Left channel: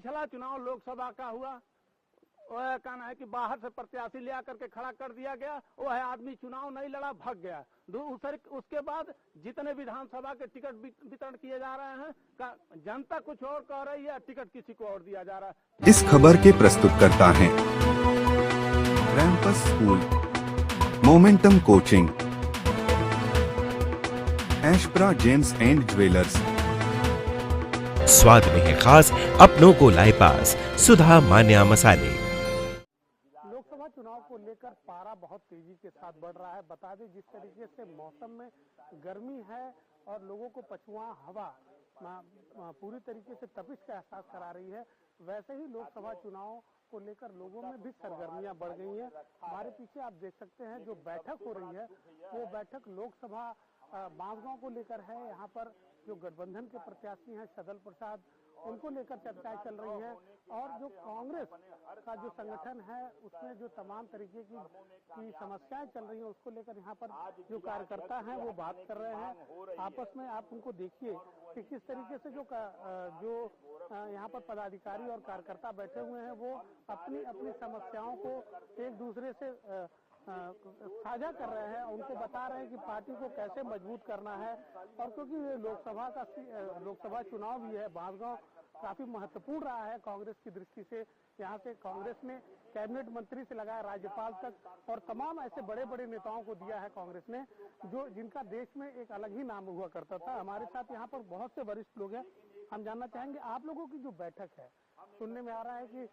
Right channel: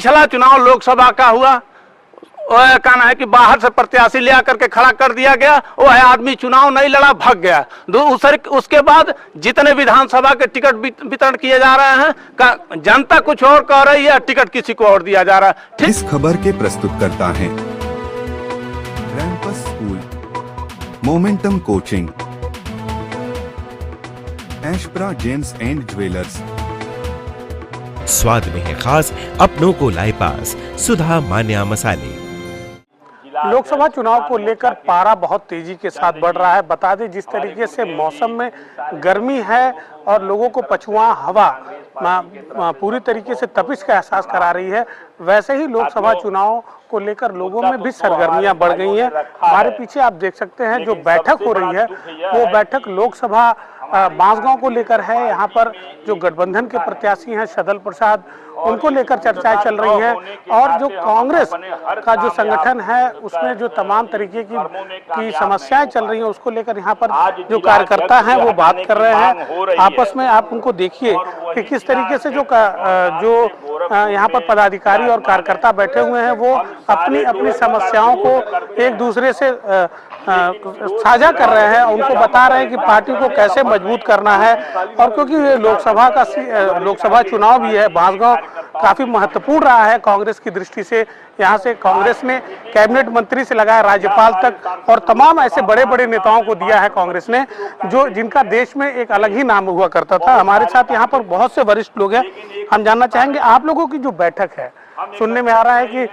पिछला चुनाव लोकसभा का हुआ, वह कहना है कि बाहर से प्रत्याशी ले आकर के खड़ा कर दिया गया, वह आदमी चुनाव नहीं लड़ा, भाग गया। उसके बाद जितने विधानसभा के टिकट वितरण किए जा रहे हैं, जनता कुछ और कह रही है, टिकट किसी को और दिया जा रहा है। इस खबर के प्रस्तुतकर्ता हैं रैंपस स्कूल, मोमेंटम कोचिंग, एशप्रा जेम्स एंड ज्वेलर्स। स्वाद में है खास, अपनों को लाए पास, सुधा मान्या मसाले। लोकसभा चुनाव को लेकर पारा बहुत तेजी के साथ बढ़ रहा है। बता दें, जिस तरीके से मौसम में गर्मी है और लोगों को पछुआ हवा पूरी तरीके से तपिश का एहसास करा रही है, वैसे ही लोकसभा चुनाव को लेकर लोगों में भी सरगर्मियां बढ़ गई हैं। हमारे पीछे आप देख सकते हैं जो बैठक हो रही है, वो बैठक लोकसभा बांसगांव को लेकर है। यहाँ पर जो गठबंधन के प्रत्याशी हैं सदल प्रसाद, उनको लेकर चर्चाएं चल रही हैं, और जो कांग्रेस का जो संगठन है उसमें जो तमाम तरीके की समस्याएं चल रही हैं उसको लेकर यहाँ पर जो कार्यकर्ता हैं वो बात कर रहे हैं आपस में। आप उनको देखिए कि किस तरीके से जो यहाँ पर पदाधिकारी और कार्यकर्ता बैठे हुए हैं वो अपनी अपनी समस्याओं को एक दूसरे से साझा कर रहे हैं, उनको बता रहे हैं कि पार्टी को कैसे मजबूत करना है। और क्योंकि ये लोकसभा चुनाव भी है, बांसगांव काफी महत्वपूर्ण रहा है कांग्रेस की दृष्टि से। यहाँ से कांग्रेस ने कैबिनेट मंत्री से लगाया राज्यपाल तक, और तमाम ऐसे बड़े बड़े नेताओं को दिया है कांग्रेस ने, जिनका देश में एक अलग ही नाम हुआ करता था। हमारे साथ यहाँ पर बहुत से वरिष्ठ लोग हैं, हम जानना चाहेंगे आप लोगों की जो बैठक है। सुनने में आ रहा है कि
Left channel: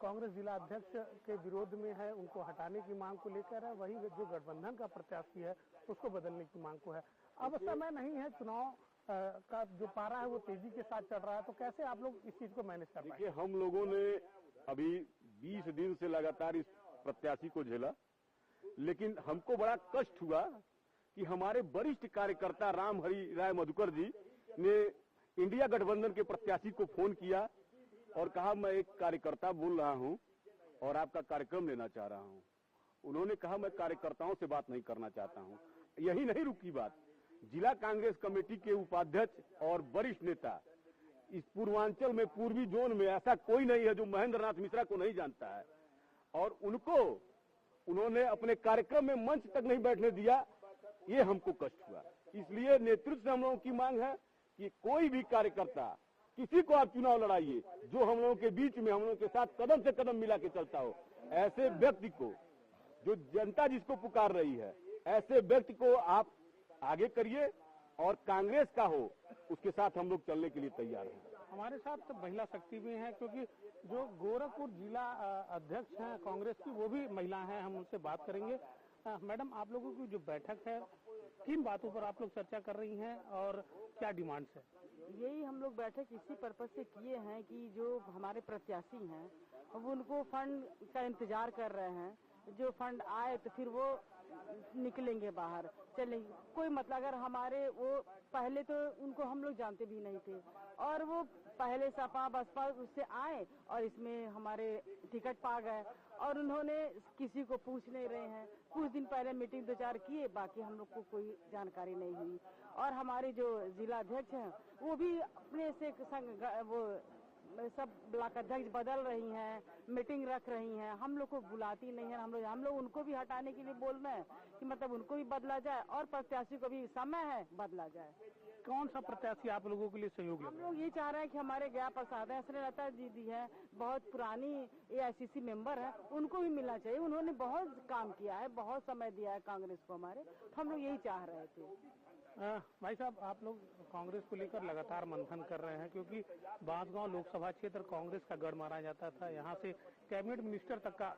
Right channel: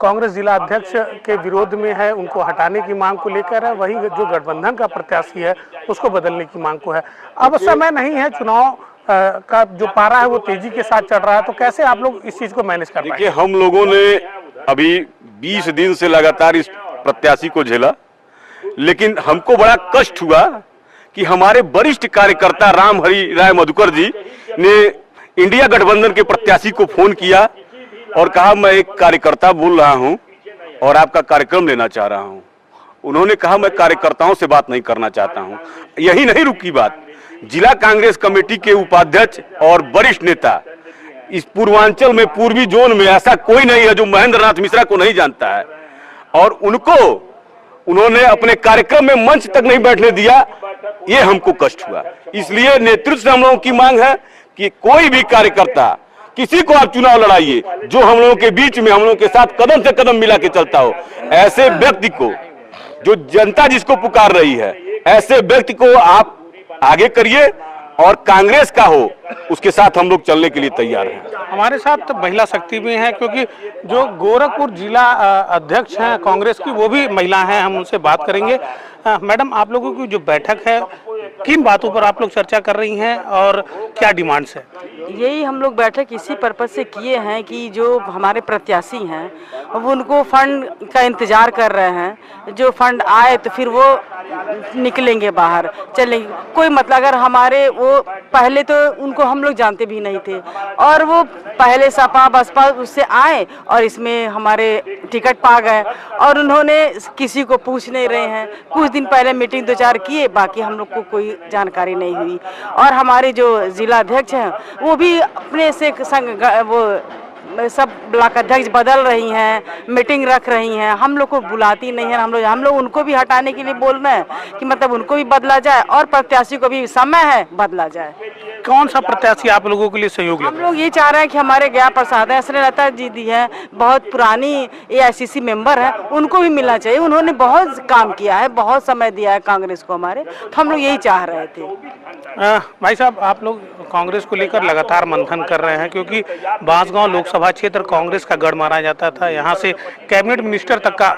कांग्रेस जिला अध्यक्ष के विरोध में है, उनको हटाने की मांग को लेकर है, वही जो गठबंधन का प्रत्याशी है उसको बदलने की मांग को है। अब समय नहीं है, चुनाव का जो पारा है वो तेजी के साथ चल रहा है, तो कैसे आप लोग इस चीज को मैनेज कर पाएंगे? देखिए, हम लोगों ने अभी 20 दिन से लगातार इस प्रत्याशी को झेला, लेकिन हमको बड़ा कष्ट हुआ कि हमारे वरिष्ठ कार्यकर्ता राम हरि राय मधुकर जी ने इंडिया गठबंधन के प्रत्याशी को फोन किया और कहा, मैं एक कार्यकर्ता बोल रहा हूं और आपका कार्यक्रम लेना चाह रहा हूं। उन्होंने कहा, मैं कार्यकर्ताओं से बात नहीं करना चाहता हूं। यही नहीं रुकी बात, जिला कांग्रेस कमेटी के उपाध्यक्ष और वरिष्ठ नेता इस पूर्वांचल में, पूर्वी जोन में ऐसा कोई नहीं है जो महेंद्र नाथ मिश्रा को नहीं जानता है, और उन्होंने अपने कार्यक्रम में मंच तक नहीं बैठने दिया। ये हमको कष्ट हुआ। इसलिए नेतृत्व से हम लोगों की मांग है कि कोई भी कार्यकर्ता, किसी को आप चुनाव लड़ाइए जो हम लोगों के बीच में, हम लोगों के साथ कदम से कदम मिला के चलता हो। ऐसे व्यक्ति को, जो जनता जिसको पुकार रही है, ऐसे व्यक्ति को आप आगे करिए, और कांग्रेस का हो उसके साथ हम लोग चलने के लिए तैयार हैं। हमारे साथ महिला शक्ति भी है, क्योंकि जो गोरखपुर जिला अध्यक्ष हैं कांग्रेस की, वो भी महिला हैं, हम उनसे बात करेंगे। मैडम, आप लोगों की जो बैठक है, किन बातों पर आप लोग चर्चा कर रही हैं और क्या डिमांड्स है? यही हम लोग बैठक इसी पर्पज से किए हैं कि जो हमारे प्रत्याशी हैं वो उनको फंड का इंतजार कर रहे हैं। जो फंड आए तो फिर वो निकलेंगे बाहर, चलेंगे। कोई मतलब, अगर हमारे वो पहले तो उनको हम लोग जानते भी नहीं थे, और वो पहले सपा बसपा उससे आए और इसमें हमारे टिकट पा गए, और उन्होंने किसी को पूछ नहीं रहे हैं। कुछ दिन पहले मीटिंग 2-4 किए, बाकी हम लोग को कोई जानकारी नहीं हुई। और हमारे जो जिला अध्यक्ष हैं वो भी अपने से संग वो सब ब्लॉक अध्यक्ष बदल रही हैं, मीटिंग रख रही हैं, हम लोग को बुलाती नहीं है। हम लोग उनको भी हटाने के लिए बोल रहे हैं कि मतलब उनको भी बदला जाए, और प्रत्याशी को भी समय है बदला जाए। कौन सा प्रत्याशी आप लोगों के लिए सहयोगी? हम लोग ये चाह रहे हैं कि हमारे गया प्रसाद है, स्नेहलता जी दी है, बहुत पुरानी AICC मेंबर है, उनको भी मिलना चाहिए। उन्होंने बहुत काम किया है, बहुत समय दिया है कांग्रेस को हमारे, तो हम लोग यही चाह रहे थे। भाई साहब, आप लोग कांग्रेस को लेकर लगातार मंथन कर रहे हैं, क्योंकि बांसगांव लोकसभा क्षेत्र कांग्रेस का गढ़ माना जाता था। यहाँ से कैबिनेट मिनिस्टर तक का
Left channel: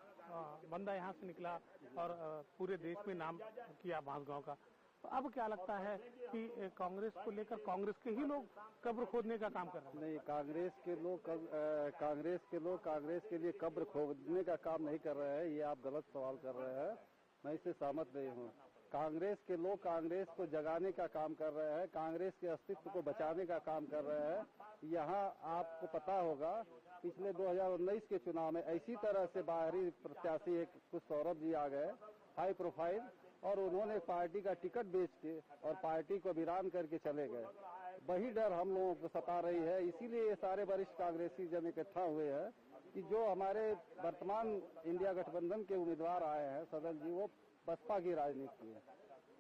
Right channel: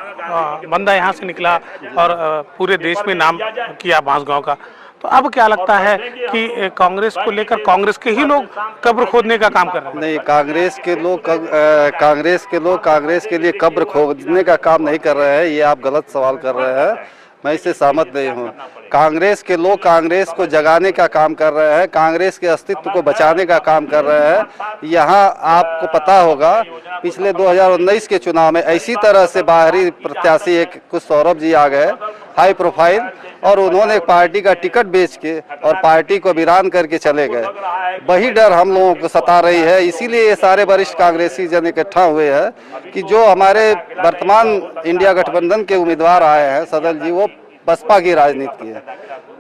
बंदा यहाँ से निकला, और पूरे देश में नाम किया बांसगांव का। तो अब क्या लगता है कि कांग्रेस को लेकर कांग्रेस के ही लोग कब्र खोदने का काम कर रहे हैं? नहीं, कांग्रेस के लोग कांग्रेस के लिए कब्र खोदने का काम नहीं कर रहे हैं। ये आप गलत सवाल कर रहे हैं, मैं इससे सहमत नहीं हूँ। कांग्रेस के लोग कांग्रेस को जगाने का काम कर रहे हैं, कांग्रेस के अस्तित्व को बचाने का काम कर रहे हैं। यहाँ आपको पता होगा, पिछले 2019 के चुनाव में इसी तरह से बाहरी प्रत्याशी एक कुछ सौरभ जी आ गए, हाई प्रोफाइल, और उन्होंने पार्टी का टिकट बेच के और पार्टी को वीरान करके चले गए। वही डर हम लोगों को सता रही है, इसीलिए ये सारे वरिष्ठ कांग्रेसी जन इकट्ठा हुए हैं कि जो हमारे वर्तमान इंडिया गठबंधन के उम्मीदवार आए हैं सदल जी, वो बसपा की राजनीति की है,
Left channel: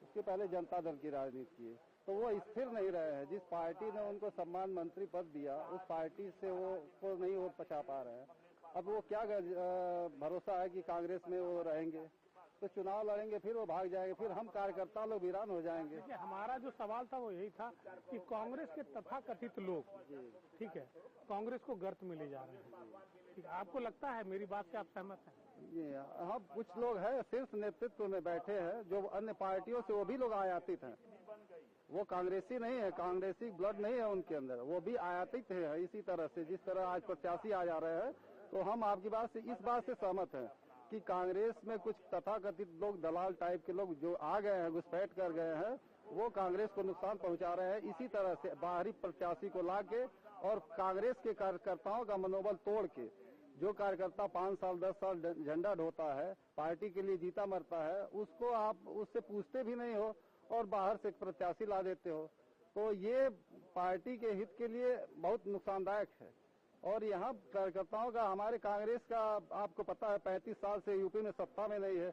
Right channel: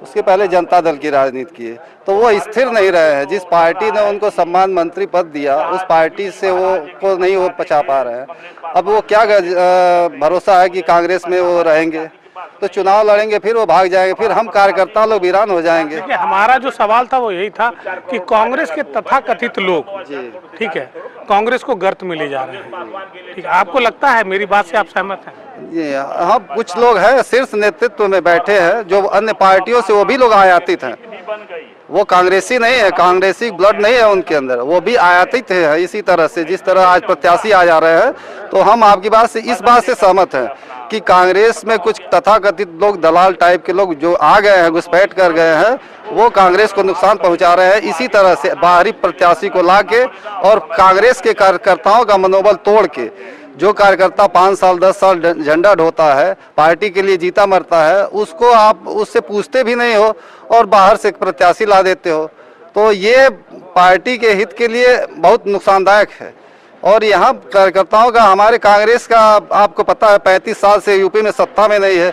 उसके पहले जनता दल की राजनीति की है, तो वो स्थिर नहीं रहे हैं। जिस पार्टी ने उनको सम्मान मंत्री पद दिया उस पार्टी से वो को नहीं वो पचा पा रहे हैं। अब वो क्या भरोसा है कि कांग्रेस में वो रहेंगे, तो चुनाव लड़ेंगे फिर वो भाग जाएंगे, फिर हम कार्यकर्ता लोग वीरान हो जाएंगे। देखिए, हमारा जो सवाल था वो यही था कि कांग्रेस के तथाकथित लोग, ठीक है, कांग्रेस को गर्त में ले जा रहे हैं, ठीक है, आपको लगता है, मेरी बात से आप सहमत हैं? जी हाँ, कुछ लोग हैं शीर्ष नेतृत्व में बैठे हैं जो अन्य पार्टियों से वो भी लोग आयातित हैं, वो कांग्रेसी नहीं है, कांग्रेसी ब्लड नहीं है उनके अंदर, वो भी आयातित है। इसी तरह से जिस तरह आज प्रत्याशी आ जा रहे हैं, तो हम आपकी बात से इस बात से सहमत हैं कि कांग्रेस में कुछ तथाकथित लोग, दलाल टाइप के लोग जो आ गए हैं, घुसपैठ कर गए हैं, वो कांग्रेस को नुकसान पहुंचा रहे हैं। इसी तरह से बाहरी प्रत्याशी को लाके और कांग्रेस के कार्यकर्ताओं का मनोबल तोड़ के, जो कार्यकर्ता 5 साल 10 साल झंडा ढोता है, पार्टी के लिए जीता मरता है, उसको आप उससे पूछते भी नहीं हो और बाहर से प्रत्याशी ला देते हो, तो ये पार्टी के हित के लिए बहुत नुकसानदायक है। और यहाँ कार्यकर्ताओं का, हमारे कांग्रेस का आपको पता है 35 साल से यूपी में सत्ता में नहीं है,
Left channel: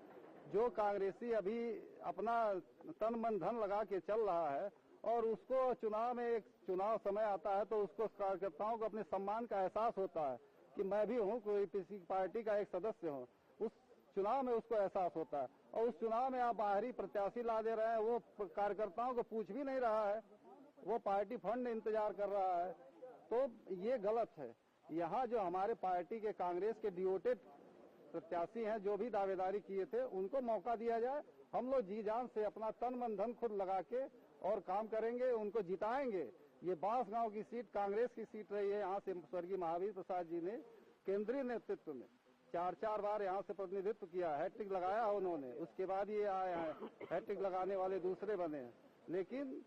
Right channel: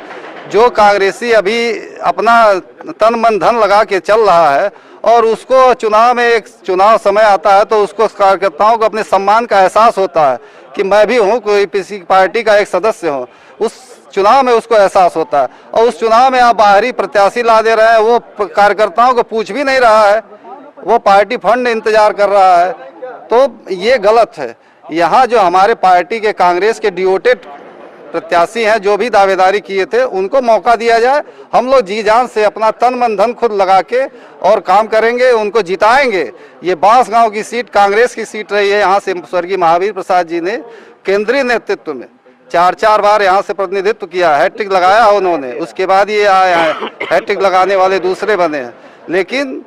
जो कांग्रेसी अभी अपना तन मन धन लगा के चल रहा है और उसको चुनाव में, एक चुनाव समय आता है तो उसको कार्यकर्ताओं को अपने सम्मान का एहसास होता है कि मैं भी हूँ, कोई किसी पार्टी का एक सदस्य हूँ, उस चुनाव में उसको एहसास होता है। और उस चुनाव में आप बाहरी प्रत्याशी ला दे रहे हैं, वो कार्यकर्ताओं को पूछ भी नहीं रहा है, वो पार्टी फंड इंतजार कर रहा है, तो ये गलत है। यहाँ जो हमारे पार्टी के कांग्रेस के डिवोटेड प्रत्याशी हैं, जो भी दावेदारी किए थे, उनको मौका दिया जाए। हम लोग जी जान से अपना तन मन धन खुद लगा के और काम करेंगे, उनको जिताएंगे। ये बांसगांव की सीट कांग्रेस की सीट रही है, यहाँ से स्वर्गीय महावीर प्रसाद जी ने केंद्रीय नेतृत्व में 4 बार यहाँ से प्रतिनिधित्व किया, हैट्रिक लगाया उन्होंने, उसके बाद ये आए हैं, हैट्रिक लगाने वाले दूसरे बने हैं। लेकिन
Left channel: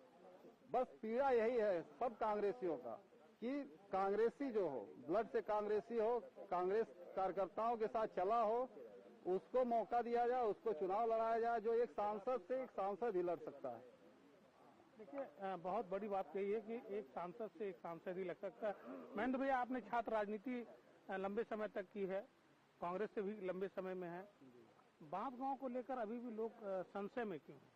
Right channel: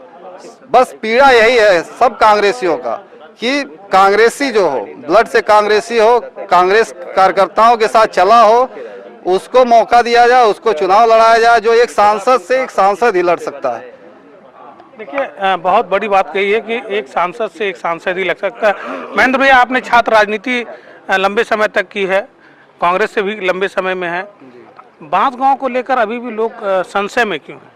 बस पीड़ा यही है सब कांग्रेसियों का कि कांग्रेसी जो हो, ब्लड से कांग्रेसी हो, कांग्रेस कार्यकर्ताओं के साथ चला हो, उसको मौका दिया जाए, उसको चुनाव लड़ाया जाए, जो एक सांसद से एक सांसद ही लड़ सकता है। देखिए, बहुत बड़ी बात कही है कि एक सांसद से एक सांसद ही लग सकता है। महेंद्र भैया, आपने छात्र राजनीति लंबे समय तक की है, कांग्रेस से भी लंबे समय में है, बांसगांव को लेकर अभी भी लोग संशय में क्यों हैं?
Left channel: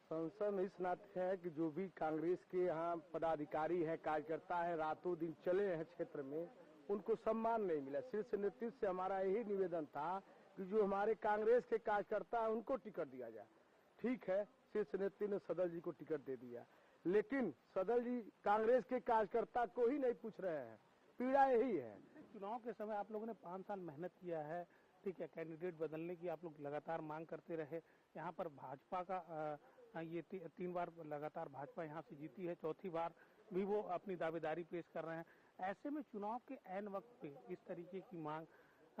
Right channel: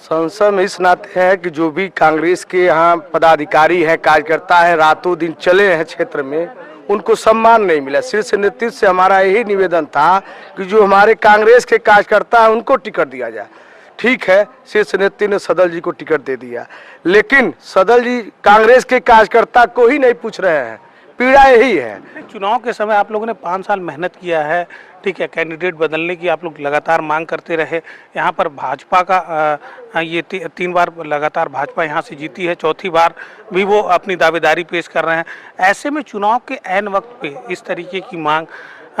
संशय में इस नाते है कि जो भी कांग्रेस के यहाँ पदाधिकारी हैं, कार्यकर्ता हैं, रातों दिन चले हैं क्षेत्र में, उनको सम्मान नहीं मिला। शीर्ष नेतृत्व से हमारा यही निवेदन था कि जो हमारे कांग्रेस के कार्यकर्ता हैं उनको टिकट दिया जाए। ठीक है, शीर्ष नेतृत्व ने सदल जी को टिकट दे दिया, लेकिन सदल जी कांग्रेस के कार्यकर्ता को ही नहीं पूछ रहे हैं, पीड़ा यही है। चुनाव के समय आप लोगों ने 5 साल मेहनत किया है, ठीक है, कैंडिडेट बदलने की आप लोग लगातार मांग करते रहे। यहाँ पर भाजपा का ये 3 बार लगातार भाजपा यहाँ से जीती है, चौथी बार भी वो अपनी दावेदारी पेश कर रहे हैं। ऐसे में चुनाव के ऐन वक्त पे इस तरीके की मांग,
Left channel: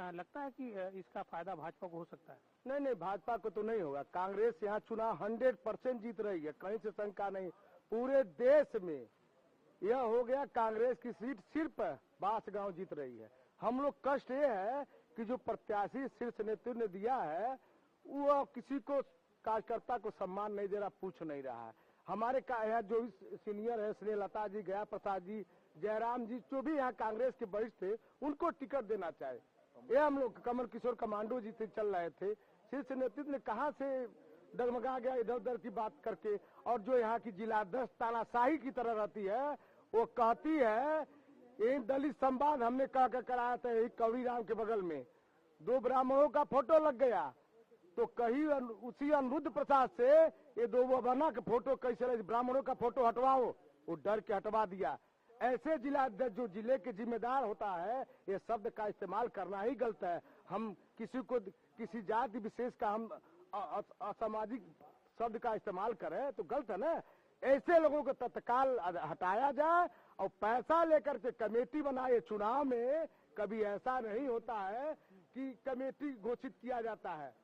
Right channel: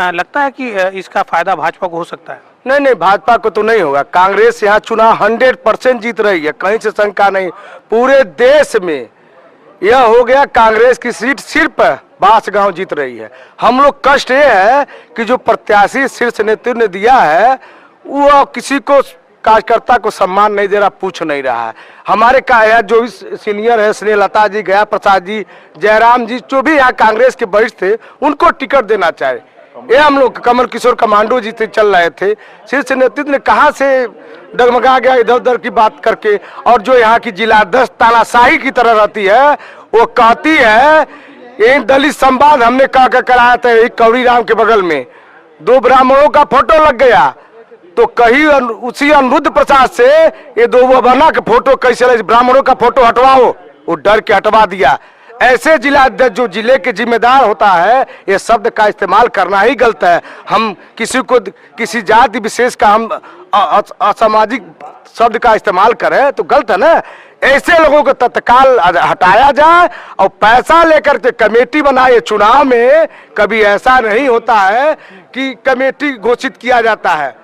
लगता है कि इसका फायदा भाजपा को हो सकता है? नहीं, भाजपा को तो नहीं होगा। कांग्रेस यहाँ चुनाव 100% जीत रही है, कहीं से शंका नहीं। पूरे देश में यह हो गया, कांग्रेस की सीट सिर्फ बांसगांव जीत रही है। हम लोग कष्ट ये है कि जो प्रत्याशी शीर्ष नेतृत्व ने दिया है वो किसी को, कार्यकर्ता को सम्मान नहीं दे रहा, पूछ नहीं रहा है। हमारे का जो भी सीनियर है, स्नेहलता जी, गया प्रसाद जी, जयराम जी, जो भी यहाँ कांग्रेस के वरिष्ठ थे, उनको टिकट देना चाहिए। ये हम लोग कमल किशोर कमांडो जी थे, चल रहे थे, शीर्ष नेतृत्व ने कहाँ से डगमगा गया इधर उधर की बात करके। और जो यहाँ की जिलाध्यक्ष तानाशाही की तरह रहती है, वो कहती है, एक दलित संवाद हमने कराया था एक कवड़ी राम के बगल में, 2 ब्राह्मणों का फोटो लग गया, तो कहीं उसी अनिरुद्ध प्रसाद से ये 2 बना के फोटो कैसे लगे, ब्राह्मणों का फोटो हटवाओ, वो डर के हटवा दिया। ऐसे जिला अध्यक्ष जो जिले के जिम्मेदार होता है, ये शब्द का इस्तेमाल करना ही गलत है। हम किसी को, किसी जाति विशेष का हम असामाजिक शब्द का इस्तेमाल करें तो गलत है ना। ऐसे लोगों को तत्काल हटाया जाए और पैसा लेकर के कमेटी बनाए। चुनाव में कभी ऐसा नहीं होता है कि कमेटी घोषित किया जाता है,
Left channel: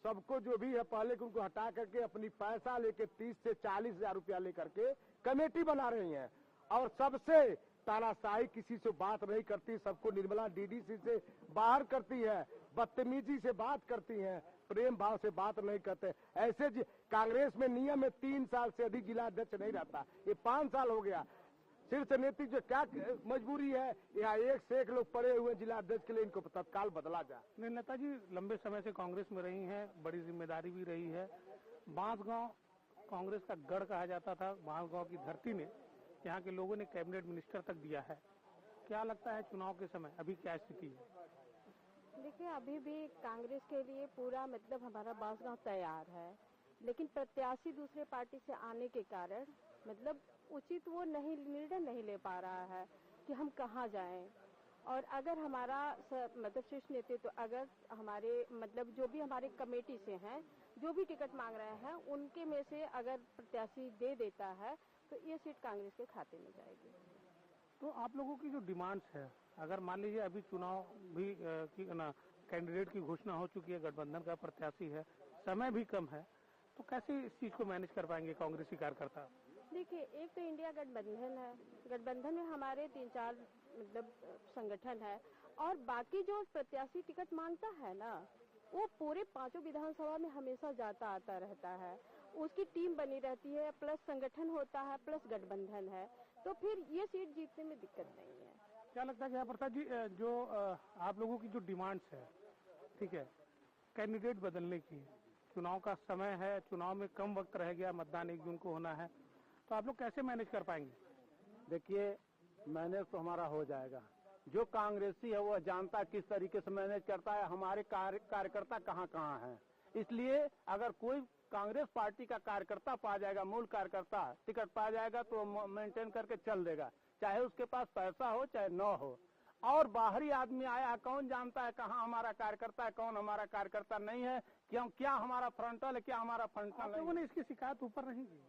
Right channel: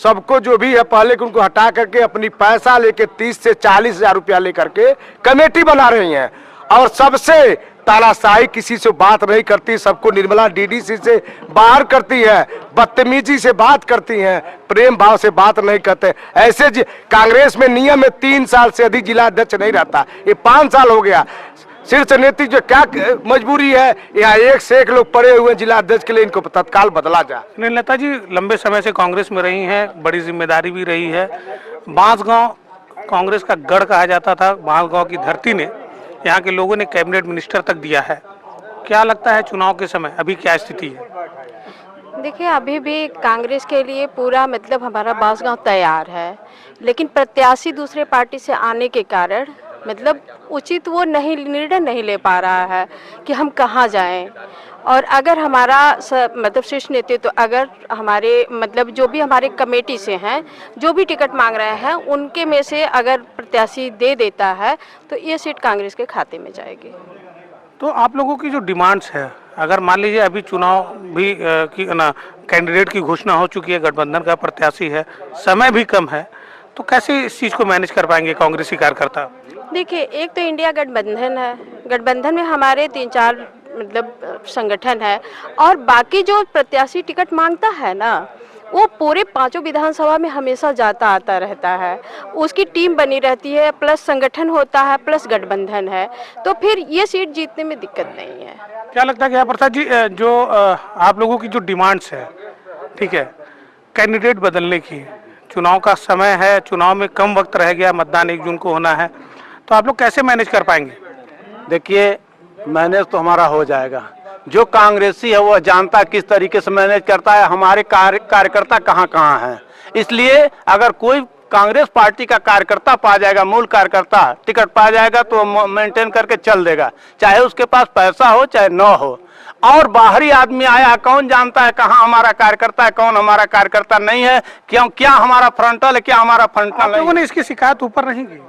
सबको जो भी है पहले उनको हटा करके अपनी पैसा लेके 30 से 40 हजार रुपया लेकर के कमेटी बना रही हैं। और सबसे तानाशाही, किसी से बात नहीं करती, सबको निर्मला डीडीसी से बाहर करती है, बदतमीजी से बात करती हैं, प्रेम भाव से बात नहीं करते। ऐसे कांग्रेस में नियम है 3 साल से अधिक जिला अध्यक्ष नहीं रहता, ये 5 साल हो गया। शीर्ष नेतृत्व जो क्या मजबूरी है, यहाँ एक से एक लोग पड़े हुए जिला अध्यक्ष के लिए, इनको तत्काल बदला जाए। स्नेहलता जी लंबे समय से कांग्रेस में रही हैं, बड़ी जिम्मेदारी भी रही है। बांसगांव कांग्रेस का गढ़ कहा जाता था, बांसगांव की धरती ने यहाँ के लोगों ने कैबिनेट मिनिस्टर तक दिया है। क्या लगता है चुनाव के समय अभी क्या स्थिति है? देखिए अभी भी कांग्रेस के लिए पूरा मतलब हमारा बांसगांव तैयार है, लेकिन प्रत्याशी दूसरे पार्टी से आने के कारण मतलब उचित वो निर्णय नहीं ले पा रहा है कि हम कहाँ जाएं। और अगर हमारा मतलब शीर्ष नेतृत्व अगर हमारे मतलब जो भी हमारे कमेटी से हैं, जो भी टिकट मांग रहे हैं, उनके में से अगर प्रत्याशी दे देता है तो ये सीट कांग्रेस के खाते में जाएगी। तो आप लोगों की जो डिमांड्स है, अगर मान लीजिए अभी चुनाव भी की ना कैंडिडेट की घोषणा हो चुकी है, गठबंधन का प्रत्याशी है, समय भी कम है, तो कैसे इस चीज़ को मैनेज कर पाएंगे कांग्रेसी कार्यकर्ता? देखिए एक तो इंडिया गठबंधन है, गठबंधन में हमारे 3-4 मतलब संगठन है, और बाकी जो प्रत्याशी टिकट मांगता है ना, वो पूरे 5 विधानसभा में हमेशा जाता आता रहता है, उसकी टीम बनी रहती है, प्लस संगठन होता है, प्लस गठबंधन है, तो फिर ये सीट जीतने में दिक्कत नहीं है। क्या लगता है क्या प्रसाद जी, जो आप लोगों की जो डिमांड्स है, ठीक है, कैंडिडेट बदलने की, चुनाव का समय है, चुनाव में कम वक्त रह गया, मतदान 1 जून को होना है, तो आप लोग कैसे मैनेज कर पाएंगे? देखिए मैनेज तो हमारा हो जाएगा। जो कांग्रेसी है वो जानता किस तरीके से मैनेज करता है, हमारे कार्यकर्ता कहाँ कहाँ हैं। इसलिए अगर कोई कांग्रेस पार्टी का कार्यकर्ता पा जाएगा, मूल कार्यकर्ता टिकट पा जाएगा, तो मेंटेन करके चल देगा, चाहे उसके पास पैसा हो चाहे न हो। और बाहरी आदमी आया, कौन जानता है कहाँ हमारा कार्यकर्ता है, कौन हमारा कार्यकर्ता नहीं है, क्यों, क्या हमारा फ्रंटल है, क्या हमारा फ्रंटल नहीं। लोगों ने इसकी शिकायत ऊपर नहीं की?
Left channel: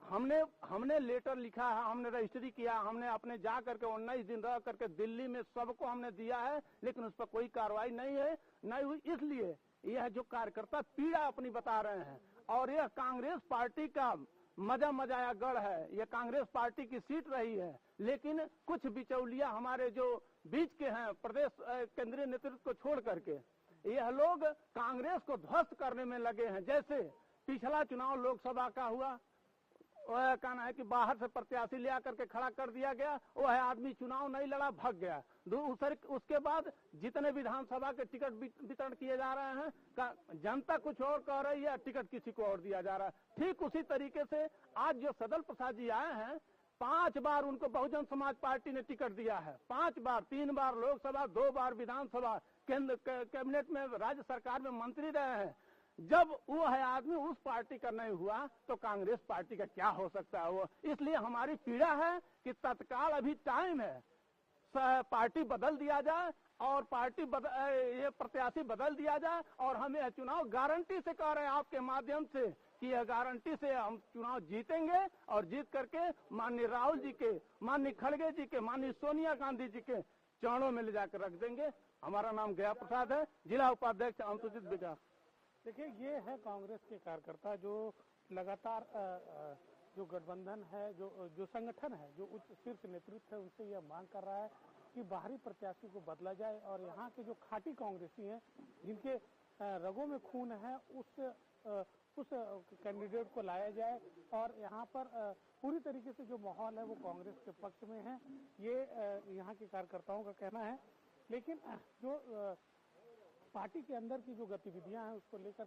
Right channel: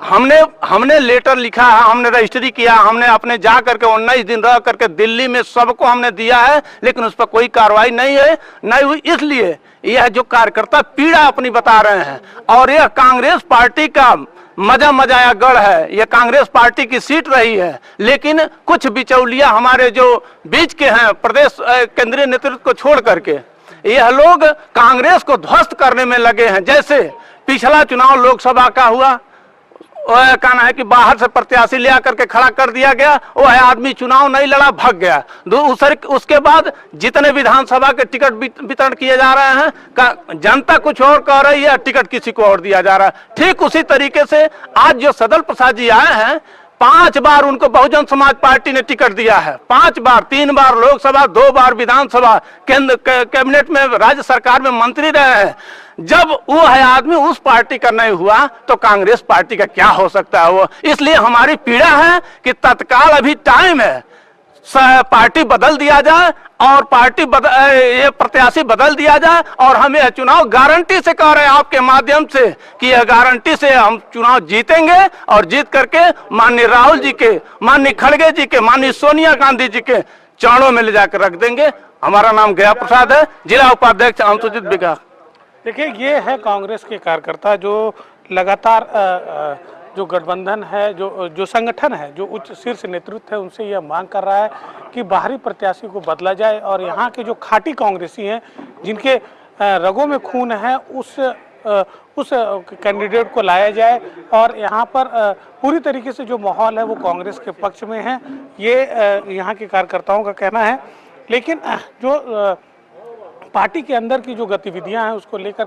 हमने लेटर लिखा है, हमने रजिस्ट्री किया, हमने अपने जा करके 19 दिन रह करके दिल्ली में सबको हमने दिया है, लेकिन उस पर कोई कार्रवाई नहीं है, नहीं हुई। इसलिए यह जो कार्यकर्ता पीड़ा अपनी बता रहे हैं, और यह कांग्रेस पार्टी का मजाया गढ़ है, ये कांग्रेस पार्टी की सीट रही है, लेकिन कुछ बिचौलिया हमारे जो बीच के हैं, प्रदेश केंद्रीय नेतृत्व को छोड़ करके यह लोग कांग्रेस को ध्वस्त करने में लगे हैं। जैसे पिछला चुनाव लोकसभा का हुआ, कहना है कि बाहर से प्रत्याशी ले आकर के खड़ा कर दिया गया, वो है आदमी चुनाव नहीं लड़ा, भाग गया। उसके बाद जितने विधानसभा के टिकट वितरण किए जा रहे हैं, जनता कुछ और कह रही है, टिकट किसी को और दिया जा रहा है। ठीक उसी तरीके से आज जो सदल प्रसाद जी आए हैं, 5 बार उनको बहुजन समाज पार्टी ने टिकट दिया है, 5 बार, 3 बार लोकसभा, 2 बार विधानसभा, केंद्र कैबिनेट में, राज्य सरकार में मंत्री रहे हैं। जब वो है आदमी उस पार्टी का नहीं हुआ तो कांग्रेस पार्टी का क्या हो सकता है वो। इसलिए हमारी पीड़ा है कि तत्काल अभी टाइम है, पार्टी बदल दिया जाए और ये प्रत्याशी बदल दिया जाए, और हम यह चुनाव गारंटी से कह रहे हैं आपके माध्यम से कि यह गारंटी से हम चुनाव जीतेंगे, और जीत करके माननीय राहुल जी के, माननीय खड़गे जी के, माननीय सोनिया गांधी जी के चरणों में ले जाकर रख देंगे। हमारा नाम गया प्रसाद है, जिला उपाध्यक्ष अनुसूचित विकास। देखिए ये है कांग्रेस के कार्यकर्ता जो लगातार जो गठबंधन है, जो संगठन है, जो उच्च शीर्ष नेतृत्व है, उनसे यह मांग कर रहा है कि बाहरी प्रत्याशी को बदला जाए, और यहाँ के जो खाटी कांग्रेसी हैं, जिनके रगों में खून है, उस कैंडिडेट को लाया जाए, और यहाँ पर पूरी तरीके से जो माहौल है वो कांग्रेस के पक्ष में है, ये यहाँ के कार्यकर्ताओं का कहना है। लेकिन जो पार्टी के अंदर की जो गतिविधियां हैं उसको लेकर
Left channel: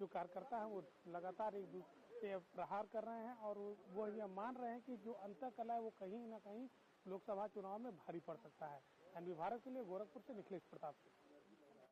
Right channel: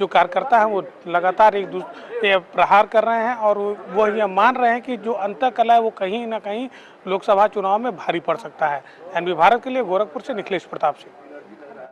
जो कार्यकर्ता हैं वो लगातार एक दूसरे प्रहार कर रहे हैं, और वो यह मान रहे हैं कि जो अंतःकलह है वो कहीं ना कहीं लोकसभा चुनाव में भारी पड़ सकता है। एनबी भारत के लिए गोरखपुर से निखिलेश प्रताप सिंह।